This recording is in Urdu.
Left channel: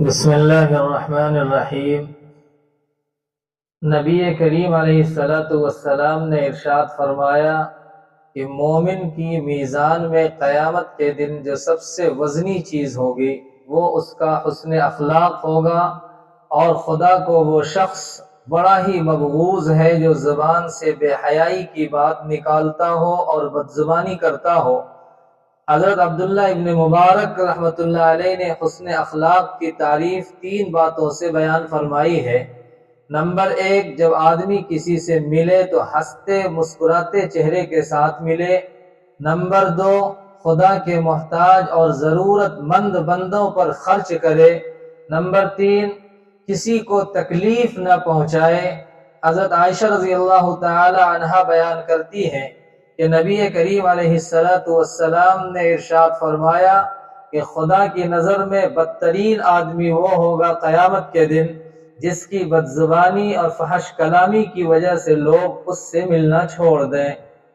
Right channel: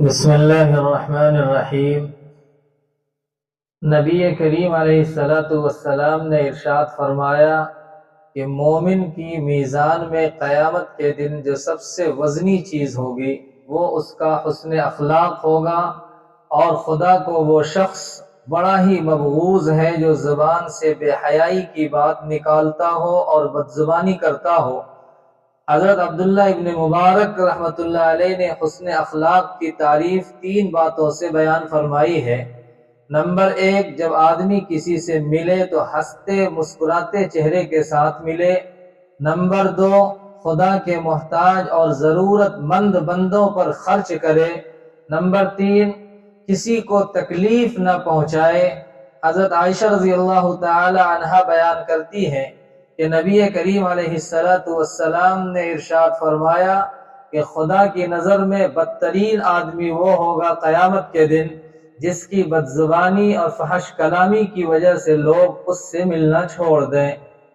بسم اللہ الرحمن الرحیم۔ نبی کریم علیہ السلام نے ارشاد فرمایا کہ مومن کی میزان میں قیامت کے دن جو سب سے وزنی چیز ہوگی وہ اس کا حسن اخلاق ہوگا، اور خدا کو وہ شخص بڑا ہی مبغوض ہے جو زبان سے بے حیائی کی بات نکالتا ہو اور بدزبانی کرتا ہو۔ حضرت عبداللہ ابن مبارک رحمۃ اللہ علیہ نے حسن اخلاق کی تعریف 3 باتوں سے بیان فرمائی ہے۔ نمبر 1، جب آدمی کسی سے ملے تو ہنستے مسکراتے چہرے کے ساتھ ملے۔ نمبر 2، خدا کے محتاج اور ضرورت مند بندوں پر خرچ کرے۔ نمبر 3، کسی کو تکلیف نہ پہنچائے۔ حضرت عائشہ رضی اللہ تعالی عنہا بیان کرتی ہیں کہ نبی کریم علیہ السلام نے ارشاد فرمایا کہ خدا کی نظر میں بدترین آدمی وہ ہوگا قیامت کے دن جس کی بدزبانی اور فحش کلامی کی وجہ سے لوگ اس سے ملنا چھوڑ دیں۔